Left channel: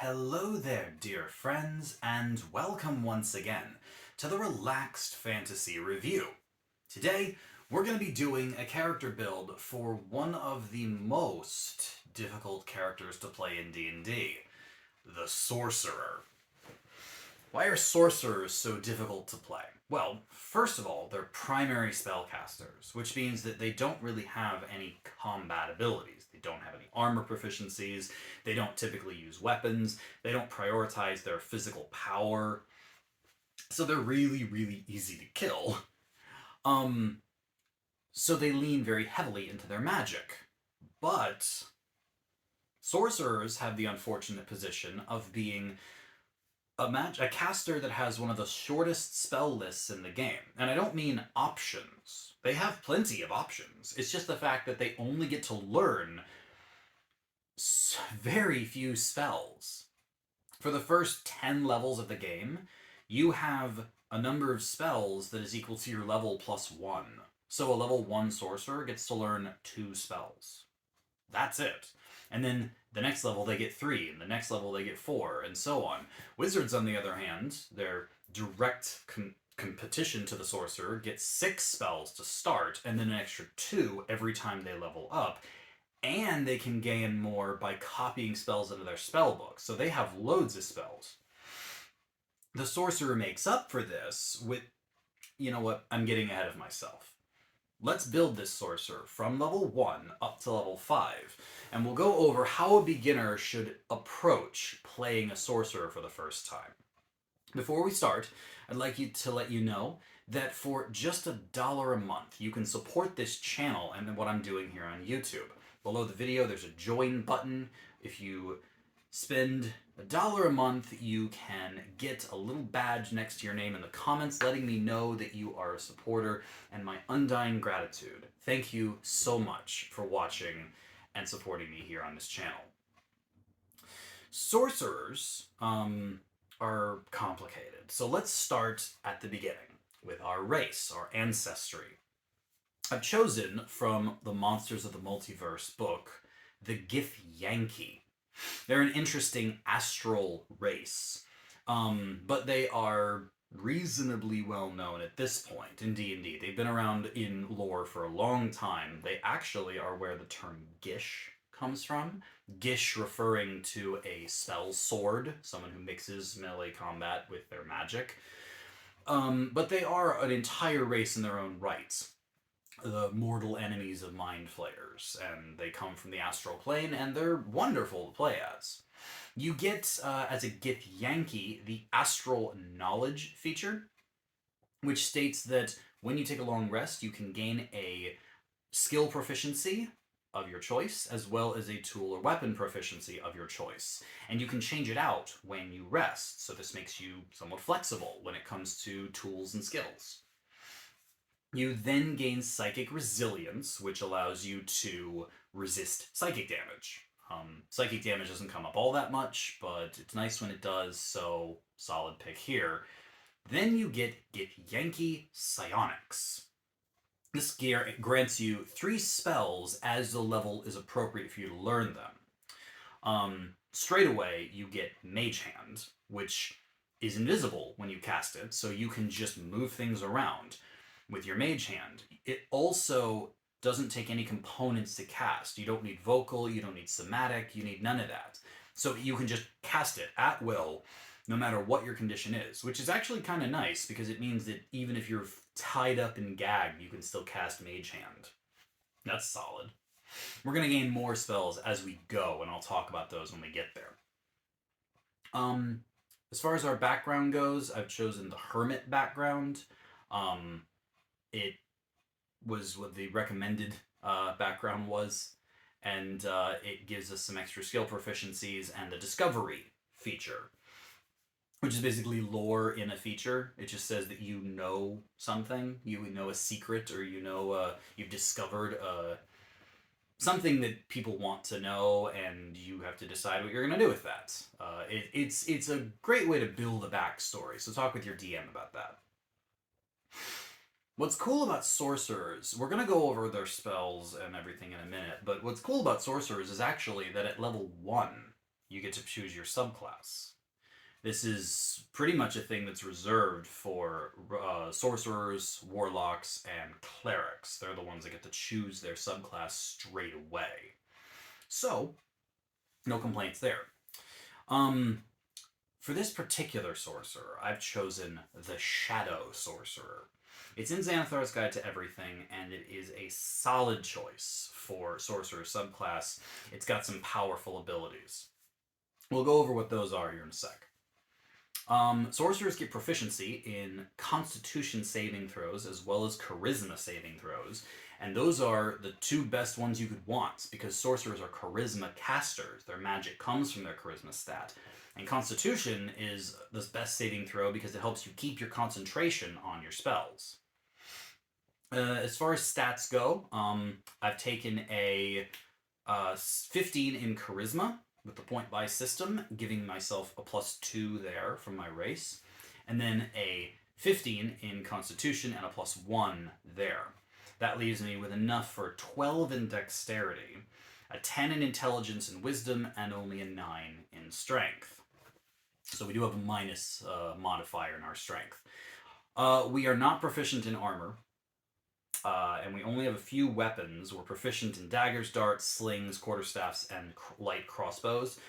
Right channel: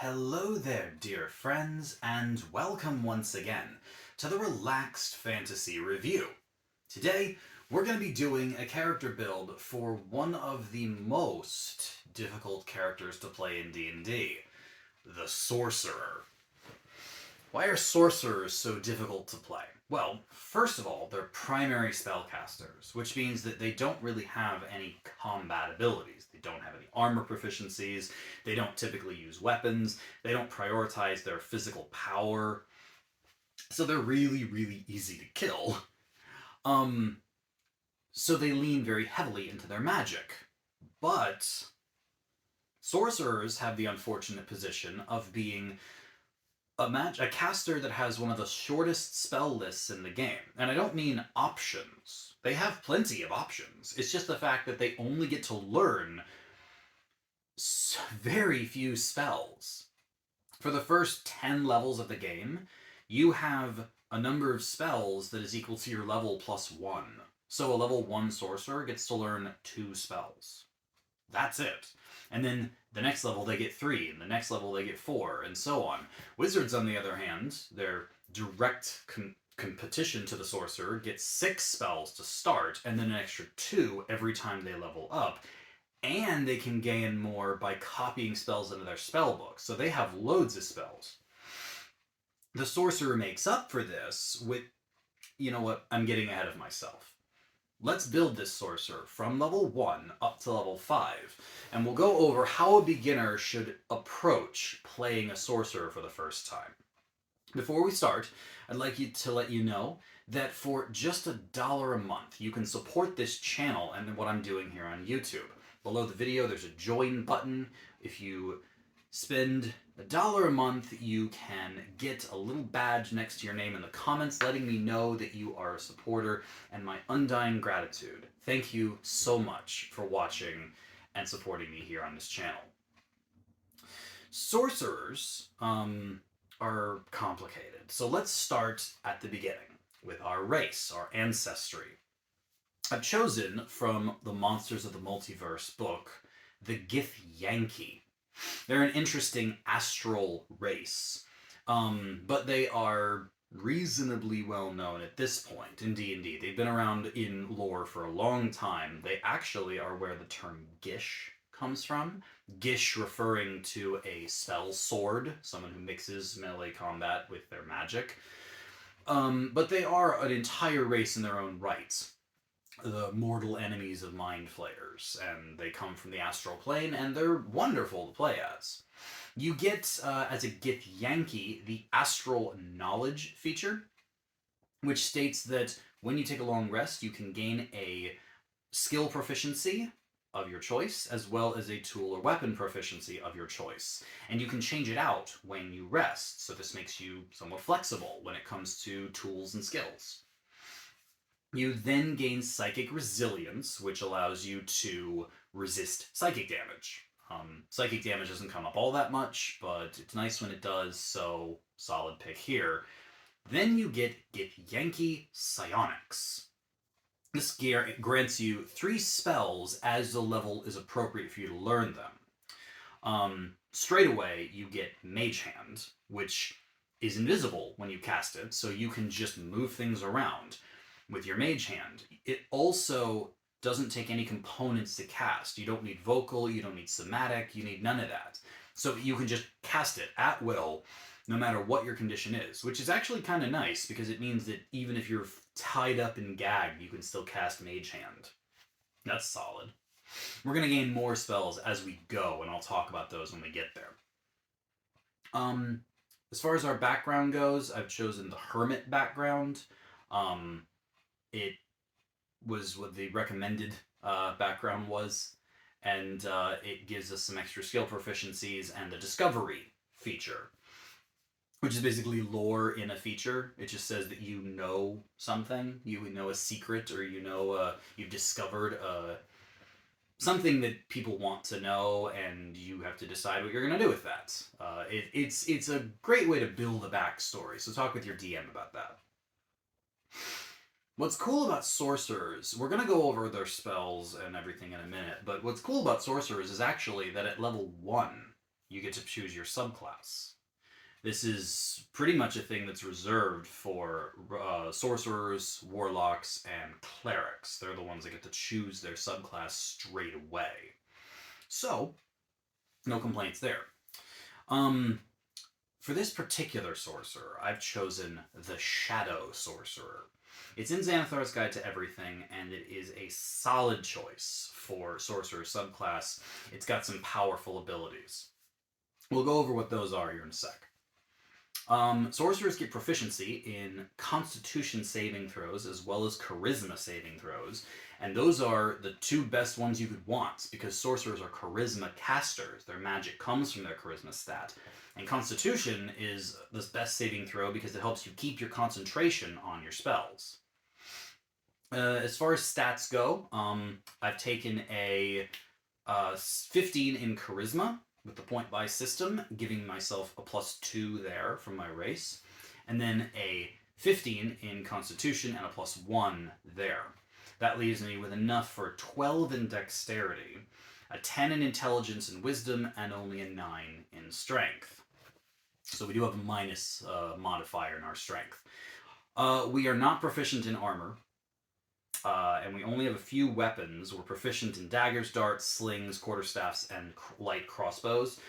Hello there, dear friends, and welcome once again to the Relaxed Fantasy Review. Today, we're going to be doing a character build for one of the most difficult characters to play in D&D, the Sorcerer. Why are sorcerers so difficult to play? Well, first of all, they're primary spellcasters, which means that they don't really have any combat abilities. They don't have any armor proficiencies, they don't typically use weapons, they don't prioritize their physical power, so they're really, really easy to kill. Um, so they lean very heavily into their magic. But sorcerers have the unfortunate position of being a caster that has one of the shortest spell lists in the game. And I don't mean options. They have plenty of options. It's just the fact that they only get to learn very few spells. For the first 10 levels of the game, you have a number of spells that is equal to your level plus 1. So a level 1 sorcerer gets to learn 2 spells. That's it. And then the next level they get 3, and the next level they get 4, and so on. Wizards, on the other hand, their direct competition to the sorcerer, get 6 spells to start, and then an extra 2 every time they level up. And they can gain more by copying spells into their spell book, so they have loads of spells. The sorcerer makes up for this with, you know what, I'm getting ahead of myself. Let's build this sorcerer from level 1 up to level 5, and we'll go over how a beginner should approach playing a sorcerer for the first time. Before we start, I'd like to let you know that for just $1 a month, you can support this channel and what I'm doing here on YouTube. Below the video, there's a join button. If you spend $1 a month, you can get a little badge next to your name in the comments letting me know that you are a supporter, and my undying gratitude. Thank you so much for watching and supporting me here on this channel. Sorcerers are complicated, so let's start at the beginning with our race, our ancestry. I've chosen from the Monsters of the Multiverse book the Githyanki. They're an interesting astral race, but they are reasonably well known at this point in D&D. They've been around in lore for a long time. They actually are where the term Gish comes from. Gish referring to a spell sword, someone who mixes melee combat with their magic. But they are an entire race in their own right. The mortal enemies of mind flayers, and they come from the astral plane, and they're wonderful to play as. You get, as a Githyanki, the astral knowledge feature, which states that when you take a long rest, you can gain a skill proficiency of your choice, as well as a tool or weapon proficiency of your choice. And you can change it out when you rest, so this makes you somewhat flexible when it comes to tools and skills. You then gain psychic resilience, which allows you to resist psychic damage. Psychic damage doesn't come up all that much, but it's nice when it does, so solid pick here. Then you get Githyanki Psionics. This grants you 3 spells as the level is appropriate for you to learn them. Straight away, you get Mage Hand, which is invisible when you cast it, so you can just move things around with your Mage Hand. It also doesn't take any components to cast. You don't need vocal, you don't need somatic, you need none of that. So you can just cast it at will, no matter what your condition is, which is actually kind of nice because it means that even if you're tied up and gagged, you can still cast Mage Hand. That's solid. We're going to gain more spells as we go, and I'll talk about those when we get there. As far as our background goes, I've chosen the Hermit background. It was what the recommended background was, and it gives us some extra skill proficiencies and the discovery feature, which is basically lore in a feature. It just says that you know something, you know a secret, or you know you've discovered something that people want to know, and you have to decide what you're going to do with that. It's a great way to build a backstory, so talk with your DM about that. What's cool about sorcerers, we're going to go over their spells and everything in a minute, but what's cool about sorcerers is actually that at level 1, you get to choose your subclass. This is pretty much a thing that's reserved for sorcerers, warlocks, and clerics. They're the ones that get to choose their subclass straight away. So, no complaints there. For this particular sorcerer, I've chosen the Shadow Sorcerer. It's in Xanathar's Guide to Everything, and it is a solid choice for Sorcerer subclass. It's got some powerful abilities. We'll go over what those are here in a sec. Sorcerers get proficiency in Constitution saving throws as well as Charisma saving throws, and those are the two best ones you could want because sorcerers are Charisma casters. Their magic comes from their Charisma stat. And Constitution is the best saving throw because it helps you keep your concentration on your spells. As far as stats go, I've taken a 15 in Charisma with the point buy system, giving myself a +2 there from my race, and then a 15 in Constitution and a +1 there. That leaves me with enough for 12 in Dexterity, a 10 in Intelligence and Wisdom, and only a 9 in Strength. So we do have a minus modifier in our Strength. We are not proficient in armor, and we only have a few weapons. We're proficient in daggers, darts, slings, quarterstaffs, and light crossbows.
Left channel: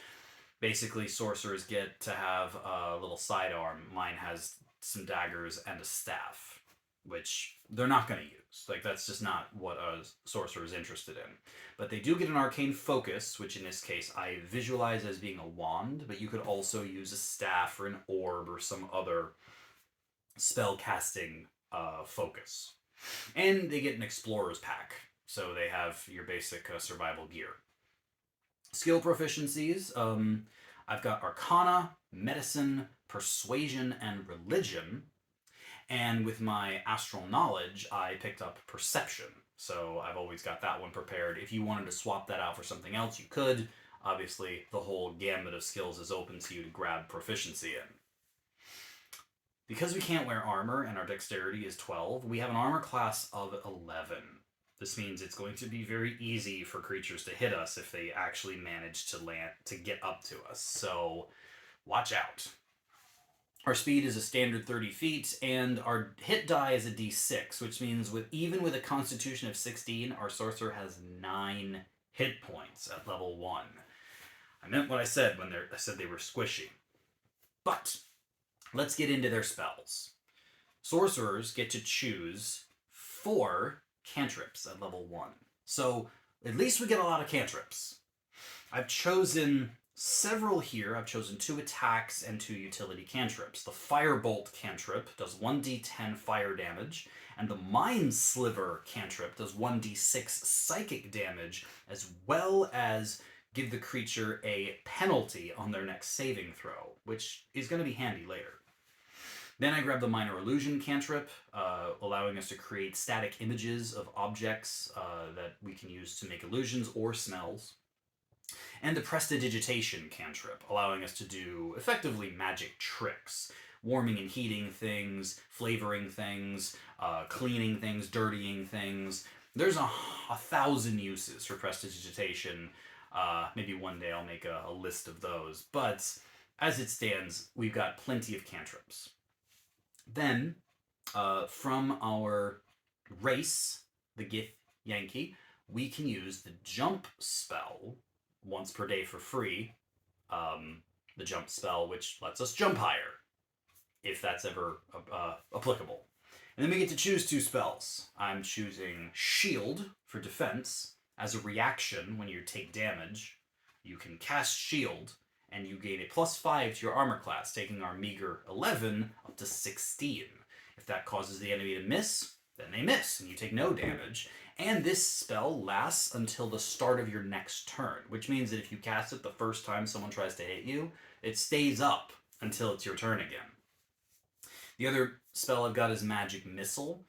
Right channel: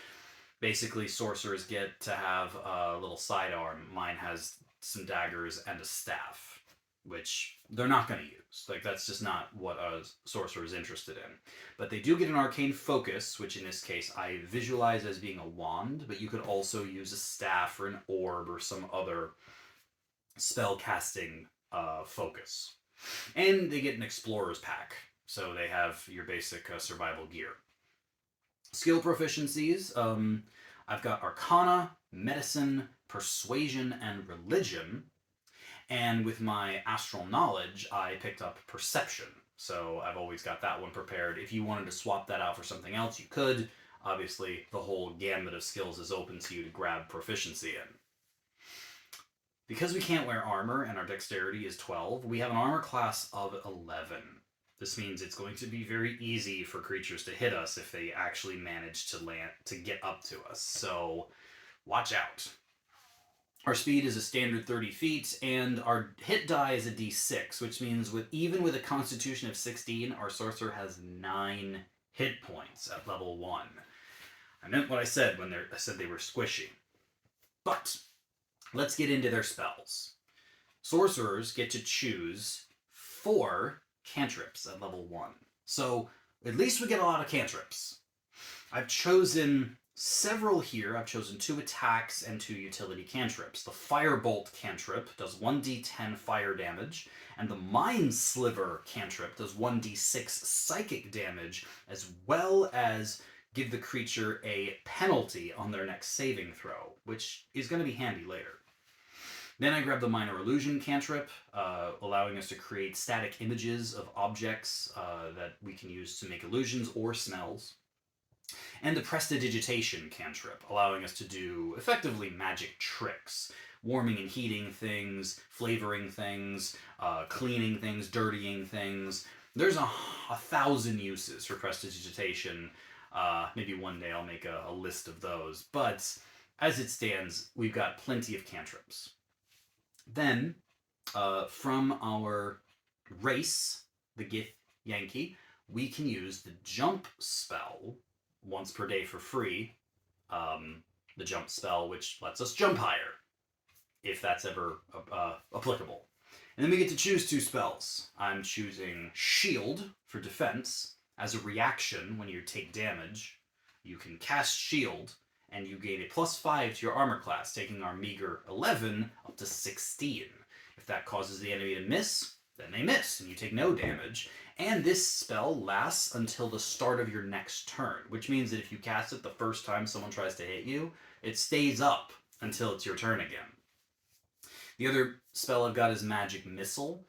Basically, sorcerers get to have a little sidearm. Mine has some daggers and a staff, which they're not going to use. Like, that's just not what a sorcerer is interested in. But they do get an arcane focus, which in this case I visualize as being a wand, but you could also use a staff or an orb or some other spell casting focus. And they get an explorer's pack, so they have your basic survival gear. Skill proficiencies, I've got Arcana, Medicine, Persuasion, and Religion. And with my Astral Knowledge, I picked up Perception. So I've always got that one prepared. If you wanted to swap that out for something else, you could. Obviously, the whole gamut of skills is open to you to grab proficiency in. Because we can't wear armor and our dexterity is 12, we have an armor class of 11. This means it's going to be very easy for creatures to hit us if they actually manage to get up to us. So watch out. Our speed is a standard 30 feet, and our hit die is a d6, which means even with a constitution of 16, our sorcerer has 9 hit points at level 1. I meant what I said when I said they were squishy. But let's get into their spells. Sorcerers get to choose 4 cantrips at level 1. So at least we get a lot of cantrips. I've chosen several here. I've chosen 2 attacks and 2 utility cantrips. The Firebolt cantrip does 1d10 fire damage, and the Mind Sliver cantrip does 1d6 psychic damage, as well as give the creature a penalty on their next saving throw, which is going to be handy later. Then I grab the Minor Illusion cantrip, allowing us to create static images of objects that we can use to make illusions or smells. And the Prestidigitation cantrip, allowing us to do effectively magic tricks. Warming and heating things, flavoring things, cleaning things, dirtying things. There's 1,000 uses for Prestidigitation. Maybe one day I'll make a list of those. But as it stands, we've got plenty of cantrips. Then, from our race, the Gith Yankee, we can use the Jump spell once per day for free. The Jump spell, which lets us jump higher, if that's ever applicable. And then we get to choose 2 spells. I'm choosing Shield for defense. As a reaction, when you take damage, you can cast Shield, and you gain a +5 to your armor class, taking our meager 11 up to 16. If that causes the enemy to miss, then they miss, and you take no damage. And this spell lasts until the start of your next turn, which means that if you cast it the first time someone tries to hit you, it stays up until it's your turn again. The other spell I've got is Magic Missile.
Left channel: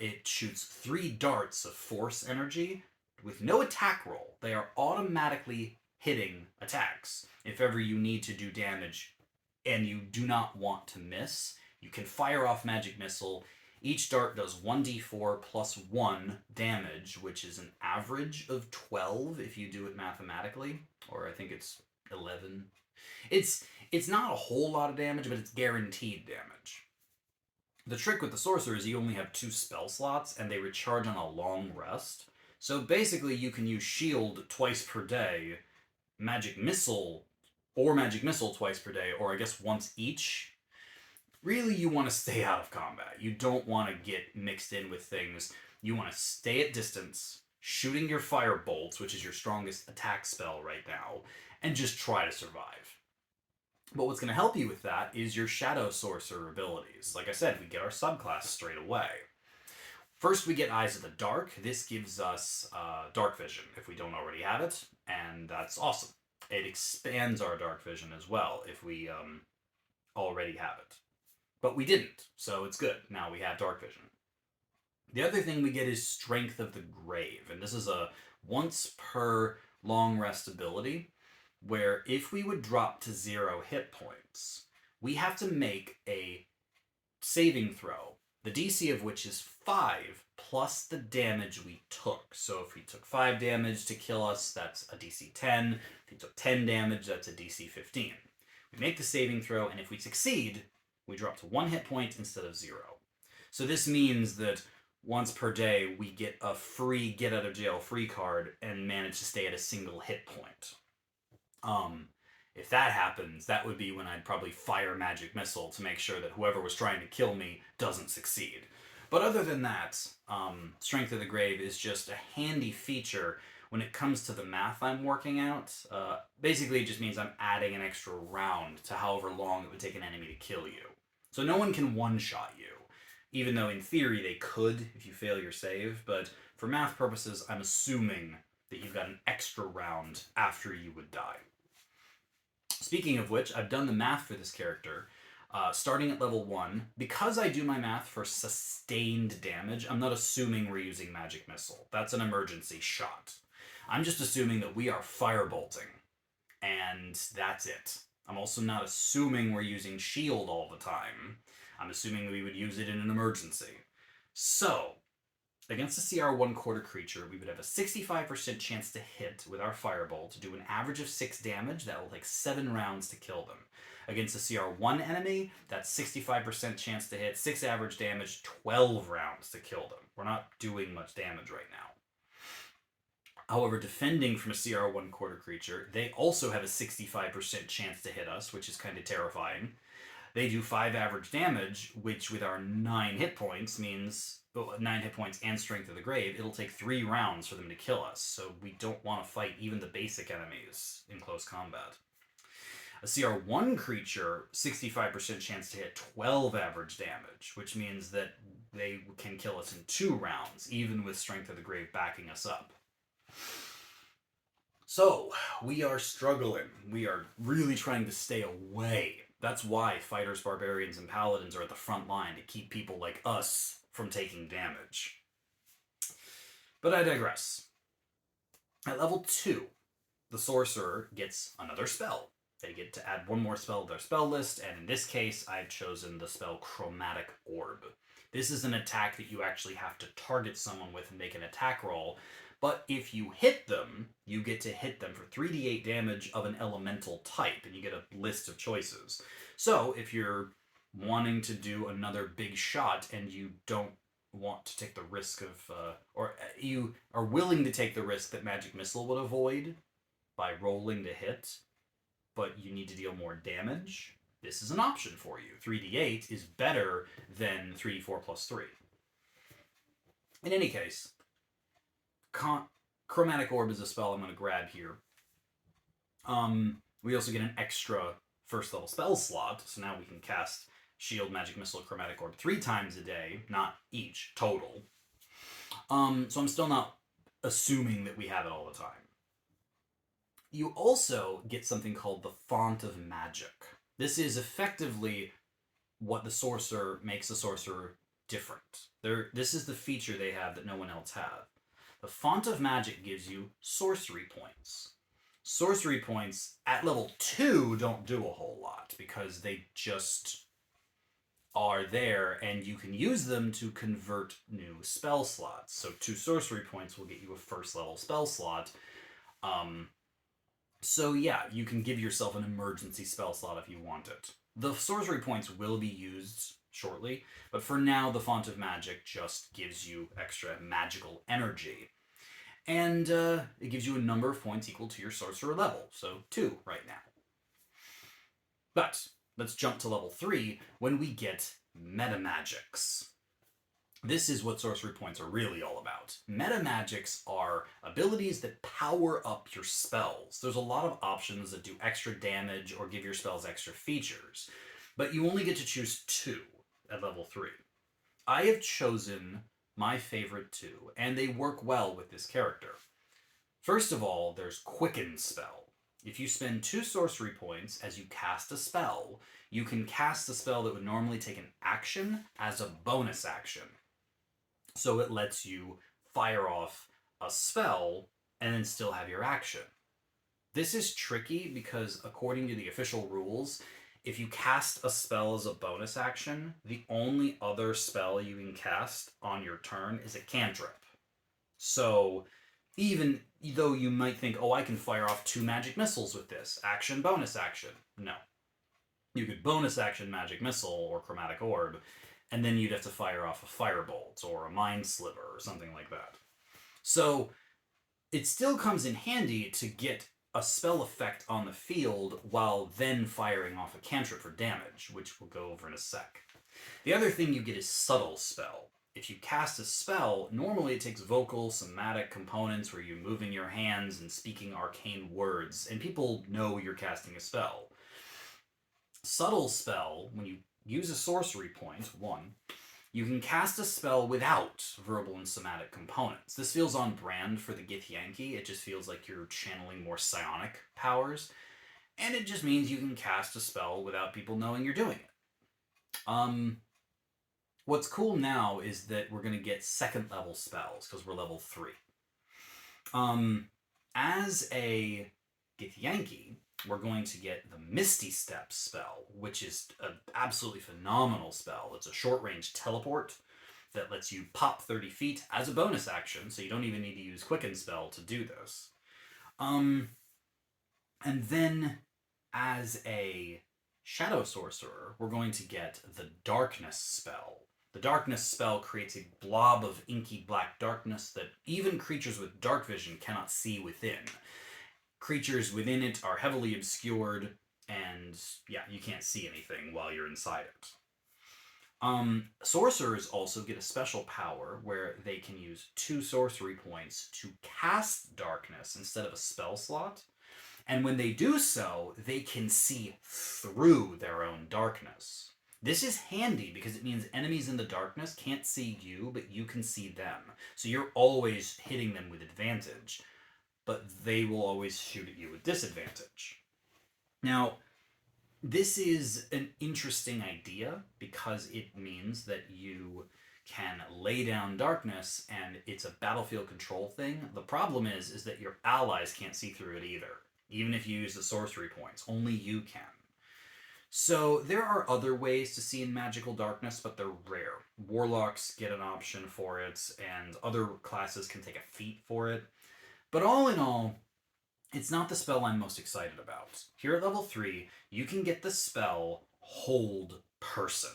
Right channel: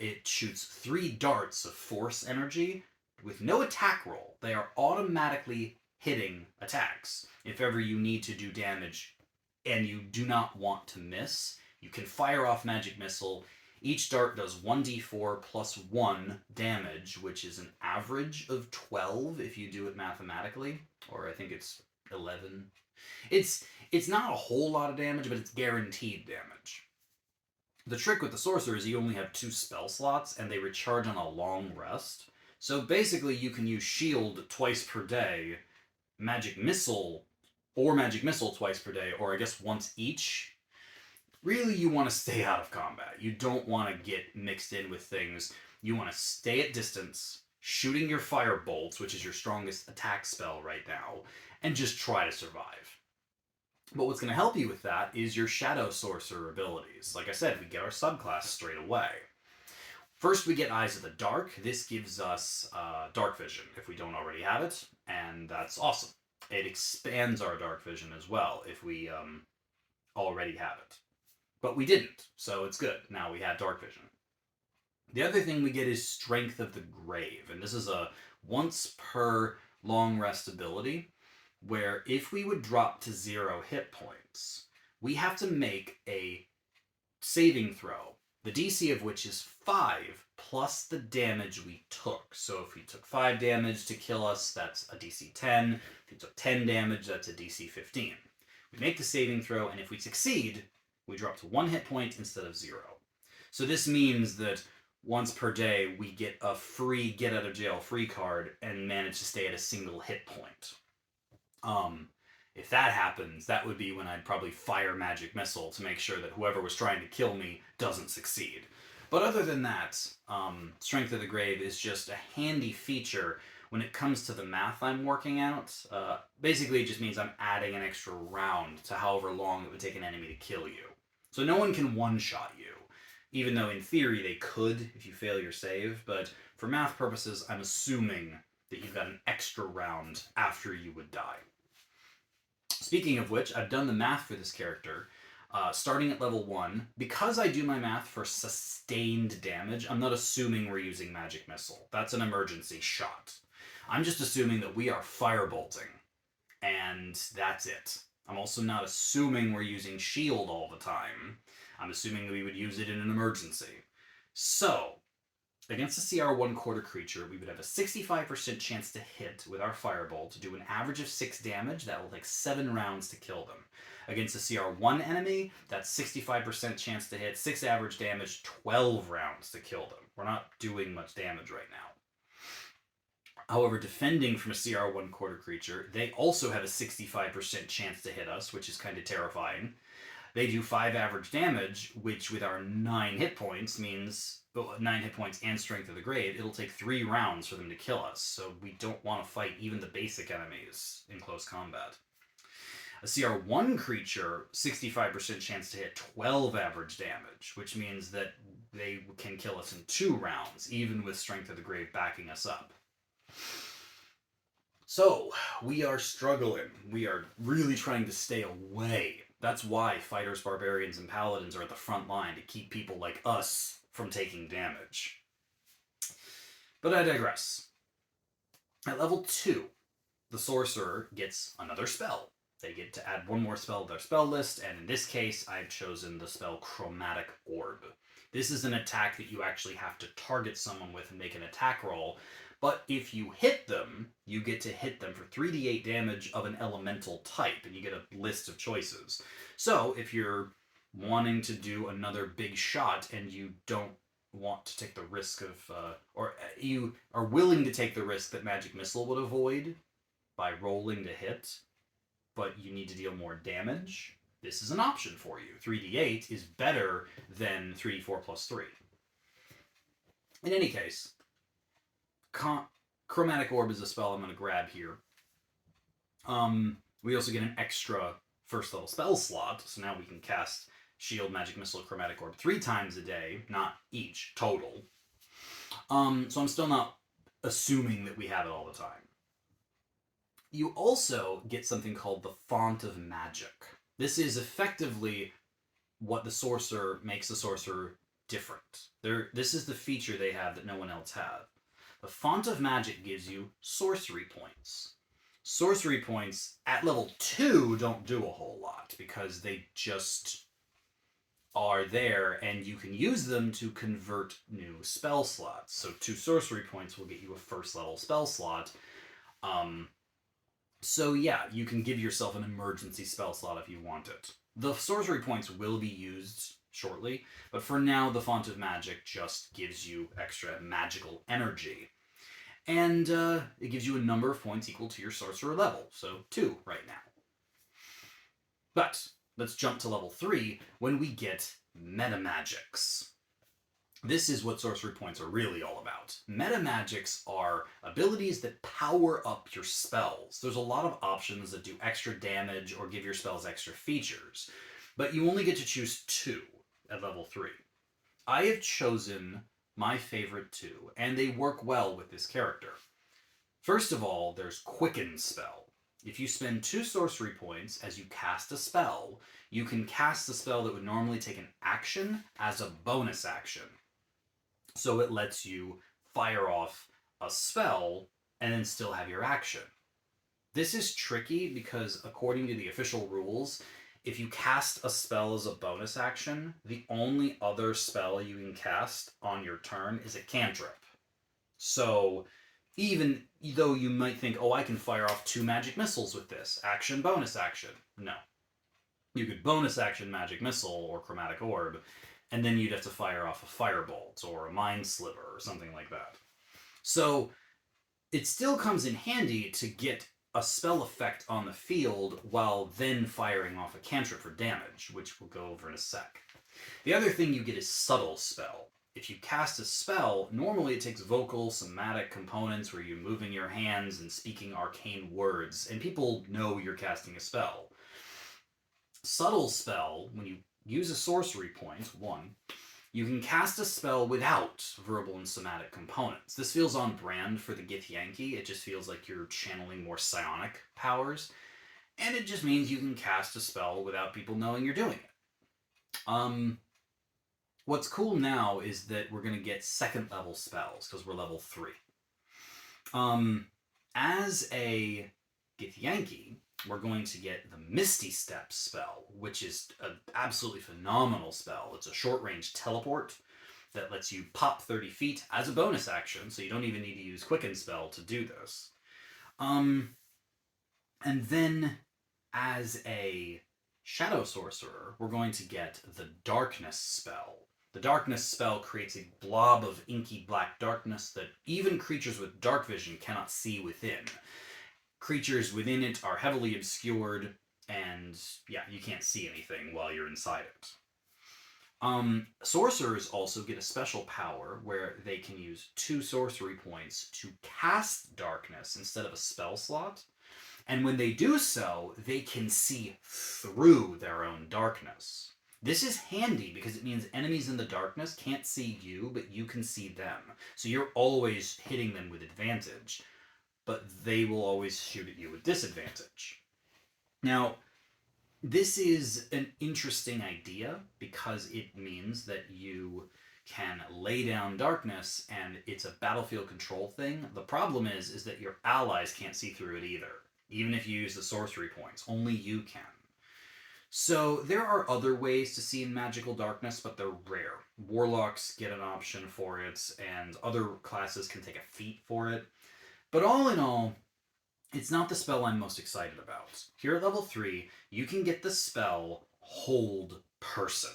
It shoots 3 darts of force energy with no attack roll. They are automatically hitting attacks. If ever you need to do damage and you do not want to miss, you can fire off Magic Missile. Each dart does 1d4 plus 1 damage, which is an average of 12 if you do it mathematically, or I think it's 11. It's not a whole lot of damage, but it's guaranteed damage. The trick with the Sorcerer is you only have 2 spell slots, and they recharge on a long rest. So basically, you can use Shield twice per day, Magic Missile twice per day, or I guess once each. Really, you want to stay out of combat. You don't want to get mixed in with things. You want to stay at distance, shooting your fire bolts, which is your strongest attack spell right now, and just try to survive. But what's going to help you with that is your Shadow Sorcerer abilities. Like I said, we get our subclass straight away. First, we get Eyes of the Dark. This gives us Dark Vision if we don't already have it, and that's awesome. It expands our Dark Vision as well if we already have it. But we didn't, so it's good. Now we have Dark Vision. The other thing we get is Strength of the Grave, and this is a once per long rest ability where if we would drop to 0 hit points, we have to make a saving throw, the DC of which is 5 plus the damage we took. So if we took 5 damage to kill us, that's a DC 10. If we took 10 damage, that's a DC 15. We make the saving throw, and if we succeed, we drop to 1 hit point instead of 0. So this means that once per day, we get a free get out of jail free card and manage to stay at a single hit point. If that happens, that would be when I'd probably fire Magic Missile to make sure that whoever was trying to kill me doesn't succeed. But other than that, Strength of the Grave is just a handy feature when it comes to the math I'm working out. Basically, it just means I'm adding an extra round to however long it would take an enemy to kill you. So no one can one-shot you, even though in theory they could if you fail your save, but for math purposes, I'm assuming that you've got an extra round after you would die. Speaking of which, I've done the math for this character. Starting at level 1, because I do my math for sustained damage, I'm not assuming we're using Magic Missile. That's an emergency shot. I'm just assuming that we are firebolting, and that's it. I'm also not assuming we're using shield all the time. I'm assuming we would use it in an emergency. So, against a CR 1/4 creature, we would have a 65% chance to hit with our firebolt to do an average of 6 damage. That will take 7 rounds to kill them. Against a CR 1 enemy, that's 65% chance to hit, 6 average damage, 12 rounds to kill them. We're not doing much damage right now. However, defending from a CR 1/4 creature, they also have a 65% chance to hit us, which is kind of terrifying. They do 5 average damage, which with our 9 hit points means 9 hit points and Strength of the Grave, it'll take 3 rounds for them to kill us. So we don't want to fight even the basic enemies in close combat. A CR 1 creature, 65% chance to hit 12 average damage, which means that they can kill us in 2 rounds, even with Strength of the Grave backing us up. So, we are struggling. We are really trying to stay away. That's why fighters, barbarians, and paladins are at the front line, to keep people like us from taking damage. But I digress. At level 2, the Sorcerer gets another spell. They get to add 1 more spell to their spell list, and in this case, I've chosen the spell Chromatic Orb. This is an attack that you actually have to target someone with and make an attack roll, but if you hit them, you get to hit them for 3d8 damage of an elemental type, and you get a list of choices. So, if you're wanting to do another big shot and you don't want to take the risk of, or you are willing to take the risk that Magic Missile would avoid by rolling to hit, but you need to deal more damage, this is an option for you. 3d8 is better than 3d4 plus 3. In any case, Chromatic Orb is a spell I'm going to grab here. We also get an extra first level spell slot, so now we can cast Shield, Magic Missile, Chromatic Orb 3 times a day, not each, total. So I'm still not assuming that we have it all the time. You also get something called the Font of Magic. This is effectively what the Sorcerer makes the Sorcerer different. This is the feature they have that no one else has. The Font of Magic gives you sorcery points. Sorcery points at level 2 don't do a whole lot because they just are there and you can use them to convert new spell slots. So 2 sorcery points will get you a first level spell slot. So yeah, you can give yourself an emergency spell slot if you want it. The sorcery points will be used shortly, but for now, the Font of Magic just gives you extra magical energy. And it gives you a number of points equal to your sorcerer level, so 2 right now. But let's jump to level 3 when we get metamagics. This is what sorcery points are really all about. Metamagics are abilities that power up your spells. There's a lot of options that do extra damage or give your spells extra features, but you only get to choose 2 at level 3. I have chosen my favorite 2, and they work well with this character. First of all, there's Quicken Spell. If you spend 2 sorcery points as you cast a spell, you can cast a spell that would normally take an action as a bonus action. So it lets you fire off a spell and then still have your action. This is tricky because, according to the official rules, if you cast a spell as a bonus action, the only other spell you can cast on your turn is a cantrip. So, even though you might think, oh, I can fire off 2 magic missiles with this, action, bonus action. No. You could bonus action magic missile or chromatic orb, and then you'd have to fire off a firebolt or a mind sliver or something like that. So it still comes in handy to get a spell effect on the field while then firing off a cantrip for damage, which we'll go over in a sec. The other thing you get is Subtle Spell. If you cast a spell, normally it takes vocal, somatic components where you're moving your hands and speaking arcane words, and people know you're casting a spell. Subtle Spell, when you use a sorcery point, 1, you can cast a spell without verbal and somatic components. This feels on brand for the Githyanki. It just feels like you're channeling more psionic powers. And it just means you can cast a spell without people knowing you're doing it. What's cool now is that we're going to get 2nd level spells, because we're level 3. As a Githyanki, we're going to get the Misty Step spell, which is an absolutely phenomenal spell. It's a short-range teleport that lets you pop 30 feet as a bonus action, so you don't even need to use Quicken Spell to do this. And then, as a Shadow Sorcerer, we're going to get the Darkness spell. The Darkness spell creates a blob of inky black darkness that even creatures with dark vision cannot see within. Creatures within it are heavily obscured, and yeah, you can't see anything while you're inside it. Sorcerers also get a special power where they can use 2 sorcery points to cast darkness instead of a spell slot. And when they do so, they can see through their own darkness. This is handy because it means enemies in the darkness can't see you, but you can see them. So you're always hitting them with advantage, but they will always shoot at you with disadvantage. Now, this is an interesting idea because it means that you can lay down darkness and it's a battlefield control thing. The problem is that your allies can't see through it either. Even if you use the sorcery points, only you can. So there are other ways to see in magical darkness, but they're rare. Warlocks get an option for it, and other classes can take a feat for it. But all in all, it's not the spell I'm most excited about. Here at level 3, you can get the spell Hold Person.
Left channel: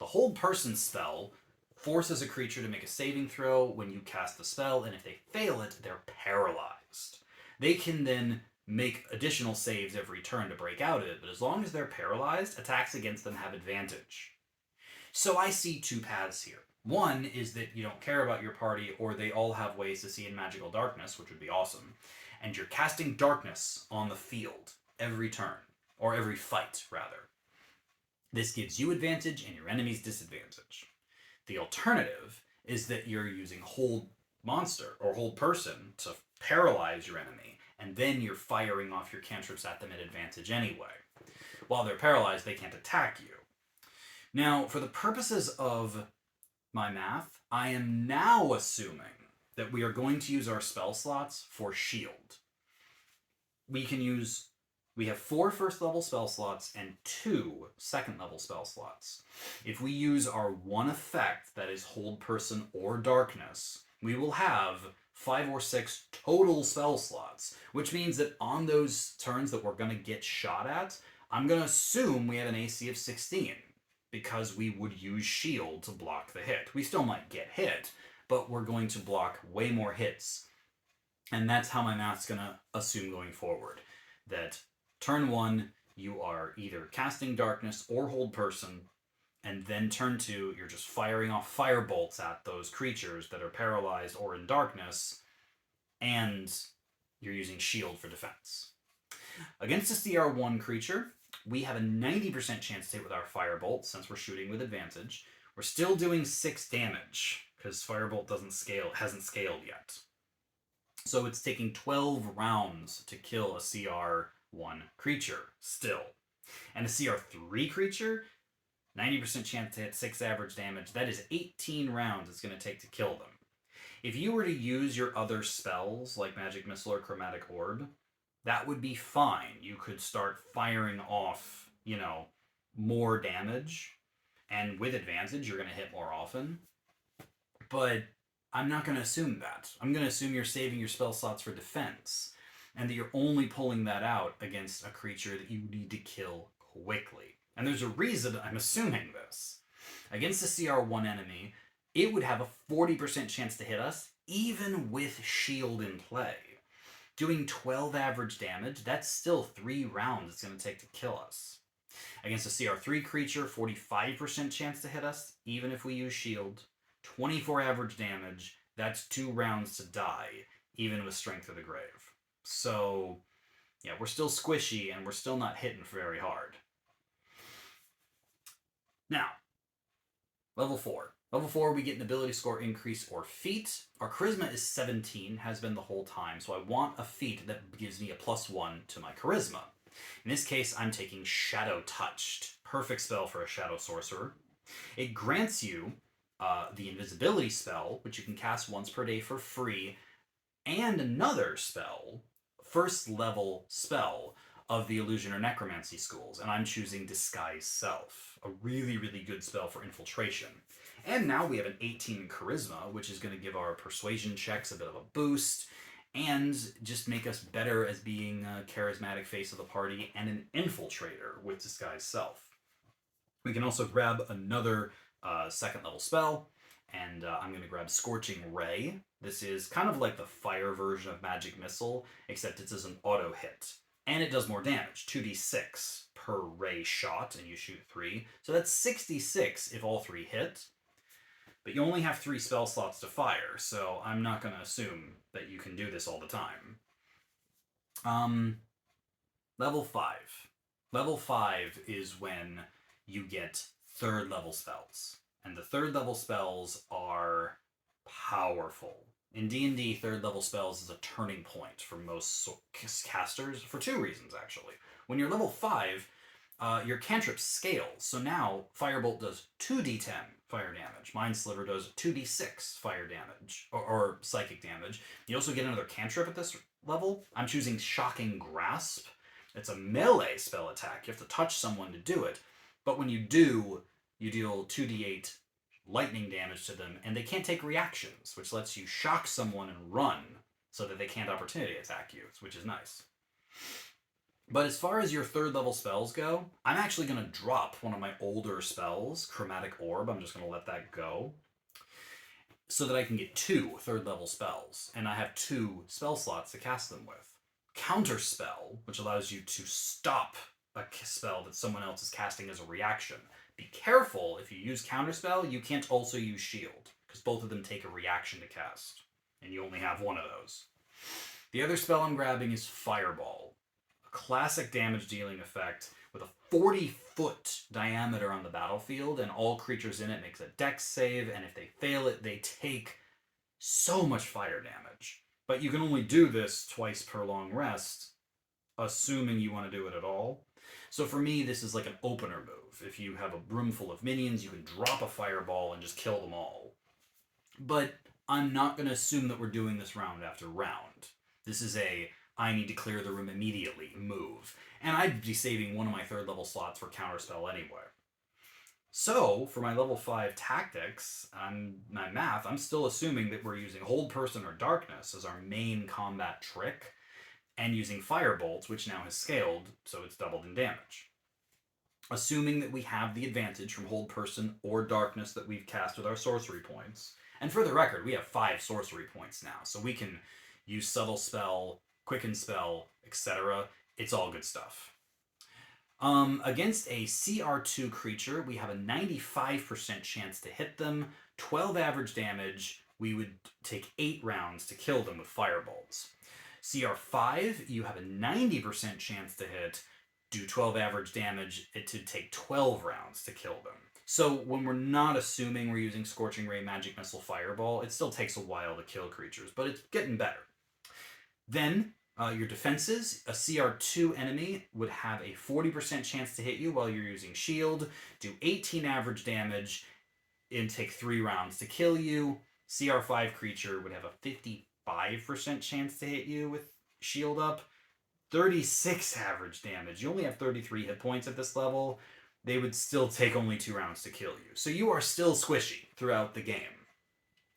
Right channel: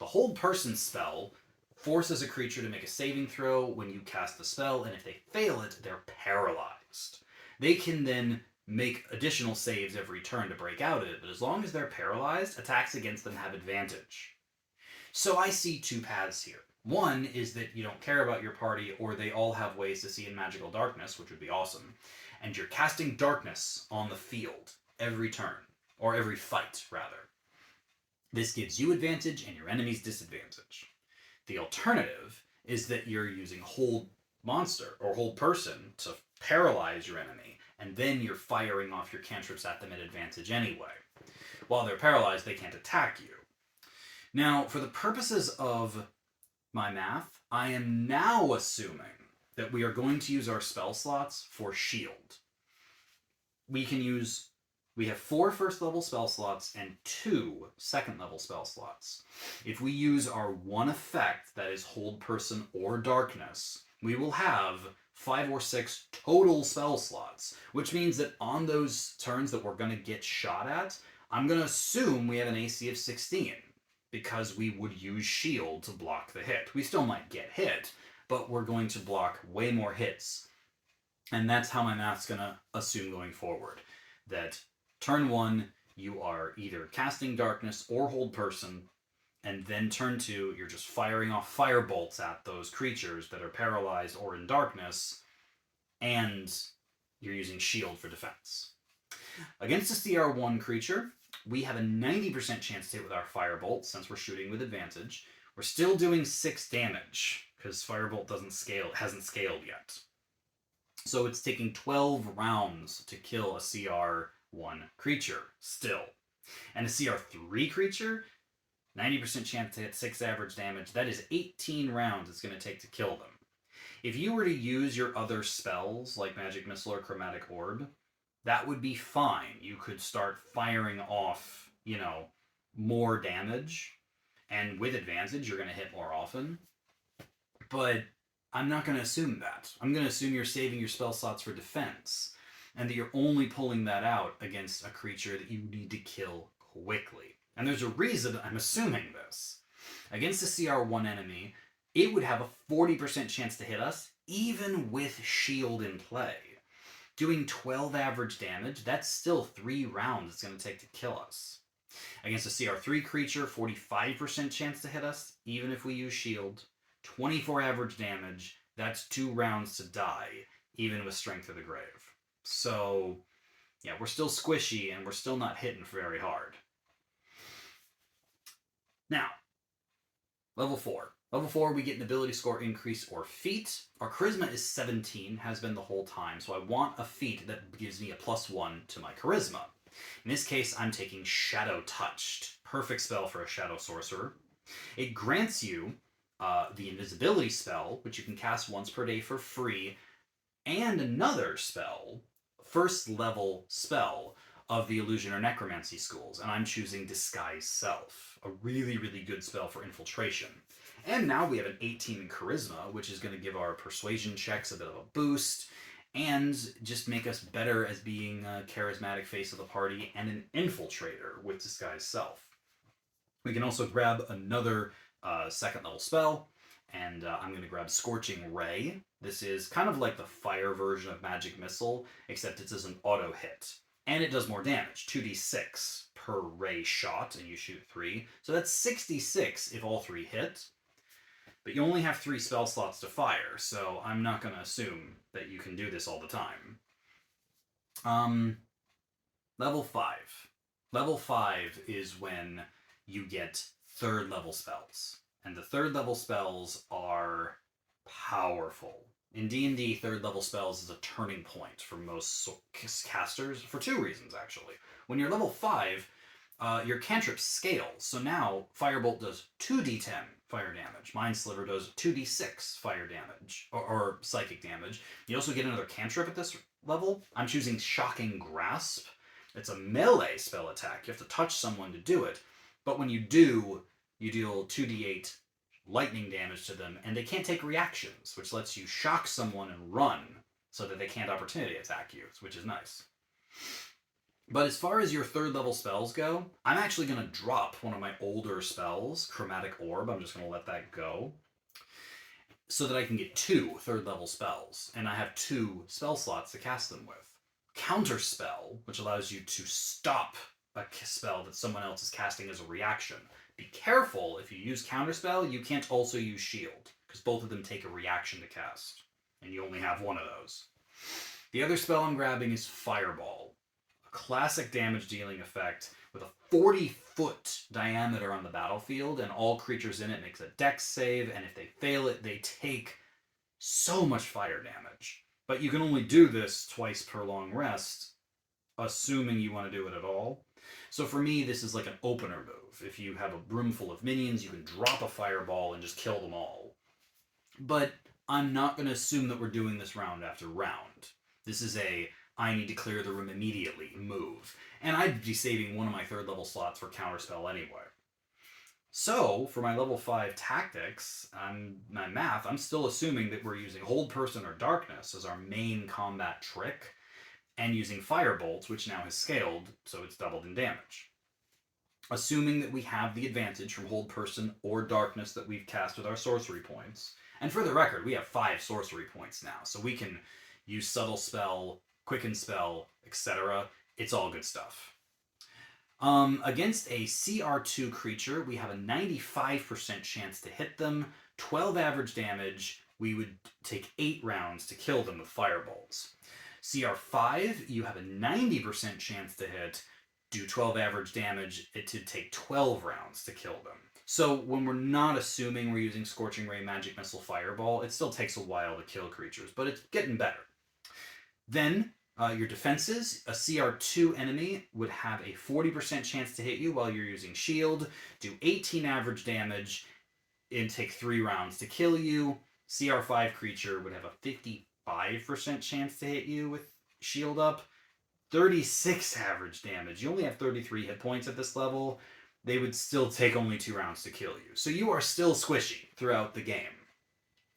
The Hold Person spell forces a creature to make a saving throw when you cast the spell, and if they fail it, they're paralyzed. They can then make additional saves every turn to break out of it, but as long as they're paralyzed, attacks against them have advantage. So I see 2 paths here. One is that you don't care about your party, or they all have ways to see in magical darkness, which would be awesome, and you're casting darkness on the field every turn, or every fight, rather. This gives you advantage and your enemies disadvantage. The alternative is that you're using Hold Monster, or Hold Person, to paralyze your enemy, and then you're firing off your cantrips at them at advantage anyway. While they're paralyzed, they can't attack you. Now, for the purposes of my math, I am now assuming that we are going to use our spell slots for shield. We have 4 first level spell slots and 2 second level spell slots. If we use our one effect, that is Hold Person or Darkness, we will have 5 or 6 total spell slots, which means that on those turns that we're going to get shot at, I'm going to assume we have an AC of 16 because we would use shield to block the hit. We still might get hit, but we're going to block way more hits. And that's how my math's going to assume going forward. That turn 1, you are either casting darkness or hold person, and then turn 2, you're just firing off fire bolts at those creatures that are paralyzed or in darkness, and you're using shield for defense. Against a CR1 creature, we have a 90% chance to hit with our firebolt since we're shooting with advantage. We're still doing 6 damage because firebolt hasn't scaled yet. So it's taking 12 rounds to kill a CR1 creature still. And a CR3 creature, 90% chance to hit 6 average damage. That is 18 rounds it's going to take to kill them. If you were to use your other spells, like Magic Missile or Chromatic Orb, that would be fine. You could start firing off, more damage. And with advantage, you're going to hit more often. But I'm not going to assume that. I'm going to assume you're saving your spell slots for defense. And that you're only pulling that out against a creature that you need to kill quickly. And there's a reason I'm assuming this. Against a CR1 enemy, it would have a 40% chance to hit us, even with shield in play. Doing 12 average damage, that's still 3 rounds it's going to take to kill us. Against a CR3 creature, 45% chance to hit us, even if we use shield. 24 average damage, that's 2 rounds to die, even with Strength of the Grave. So, yeah, we're still squishy, and we're still not hitting very hard. Now, level 4. Level 4, we get an ability score increase or feat. Our charisma is 17, has been the whole time, so I want a feat that gives me a +1 to my charisma. In this case, I'm taking Shadow Touched. Perfect spell for a Shadow Sorcerer. It grants you the invisibility spell, which you can cast once per day for free, and another spell, first level spell, of the Illusion or Necromancy schools, and I'm choosing Disguise Self, a really, really good spell for infiltration. And now we have an 18 in Charisma, which is going to give our persuasion checks a bit of a boost, and just make us better as being a charismatic face of the party and an infiltrator with Disguise Self. We can also grab another second level spell, and I'm going to grab Scorching Ray. This is kind of like the fire version of Magic Missile, except it's as an auto hit. And it does more damage, 2d6 per ray shot, and you shoot 3. So that's 66 if all 3 hit. But you only have 3 spell slots to fire, so I'm not going to assume that you can do this all the time. Level 5. Level 5 is when you get 3rd level spells. And the 3rd level spells are powerful. In D&D, 3rd level spells is a turning point for most casters for 2 reasons, actually. When you're level 5, your cantrip scales. So now Firebolt does 2d10 fire damage. Mind Sliver does 2d6 fire damage, or psychic damage. You also get another cantrip at this level. I'm choosing Shocking Grasp. It's a melee spell attack. You have to touch someone to do it. But when you do, you deal 2d8 lightning damage to them, and they can't take reactions, which lets you shock someone and run so that they can't opportunity attack you, which is nice. But as far as your 3rd level spells go, I'm actually going to drop one of my older spells, Chromatic Orb. I'm just going to let that go so that I can get 2 3rd level spells, and I have 2 spell slots to cast them with. Counterspell, which allows you to stop a spell that someone else is casting as a reaction. Be careful, if you use Counterspell, you can't also use Shield, because both of them take a reaction to cast, and you only have one of those. The other spell I'm grabbing is Fireball, a classic damage dealing effect with a 40-foot diameter on the battlefield, and all creatures in it makes a dex save, and if they fail it, they take so much fire damage. But you can only do this twice per long rest, assuming you want to do it at all. So for me, this is like an opener move. If you have a room full of minions, you can drop a fireball and just kill them all. But I'm not going to assume that we're doing this round after round. This is a I need to clear the room immediately move. And I'd be saving one of my 3rd level slots for Counterspell anyway. So, for my level 5 tactics, my math, I'm still assuming that we're using Hold Person or Darkness as our main combat trick, and using Firebolt, which now has scaled, so it's doubled in damage. Assuming that we have the advantage from Hold Person or Darkness that we've cast with our sorcery points. And for the record, we have 5 sorcery points now, so we can use Subtle Spell, Quicken Spell, etc. It's all good stuff. Against a CR2 creature, we have a 95% chance to hit them, 12 average damage. We would take 8 rounds to kill them with firebolts. CR5, you have a 90% chance to hit, do 12 average damage, it to take 12 rounds to kill them. So when we're not assuming we're using Scorching Ray, Magic Missile, Fireball, it still takes a while to kill creatures, but it's getting better. Then your defenses, a CR2 enemy would have a 40% chance to hit you while you're using shield, do 18 average damage, and take 3 rounds to kill you. CR5 creature would have a 55% chance to hit you with shield up, 36 average damage. You only have 33 hit points at this level. They would still take only 2 rounds to kill you. So you are still squishy throughout the game.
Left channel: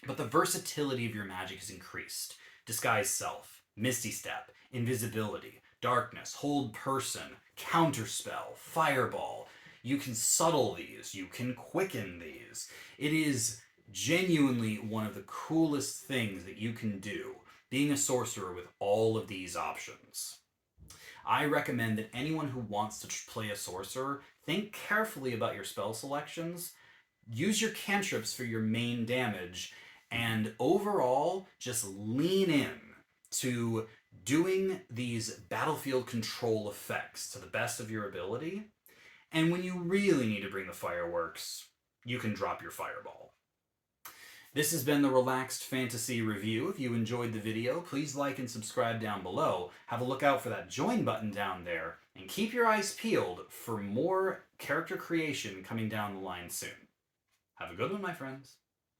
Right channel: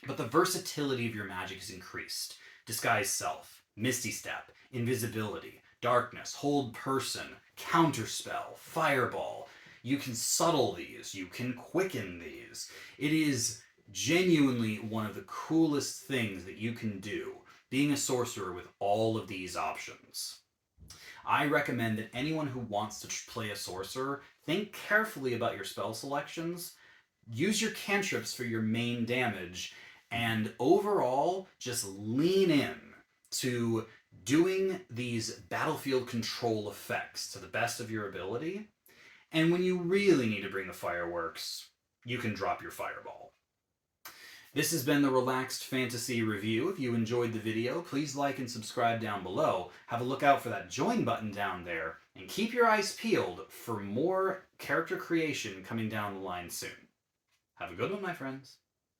But the versatility of your magic is increased. Disguise Self, Misty Step, Invisibility, Darkness, Hold Person, Counterspell, Fireball. You can subtle these, you can quicken these. It is genuinely one of the coolest things that you can do, being a sorcerer with all of these options. I recommend that anyone who wants to play a sorcerer think carefully about your spell selections, use your cantrips for your main damage, and overall just lean in to doing these battlefield control effects to the best of your ability. And when you really need to bring the fireworks, you can drop your fireball. This has been the Relaxed Fantasy Review. If you enjoyed the video, please like and subscribe down below. Have a look out for that join button down there, and keep your eyes peeled for more character creation coming down the line soon. Have a good one, my friends.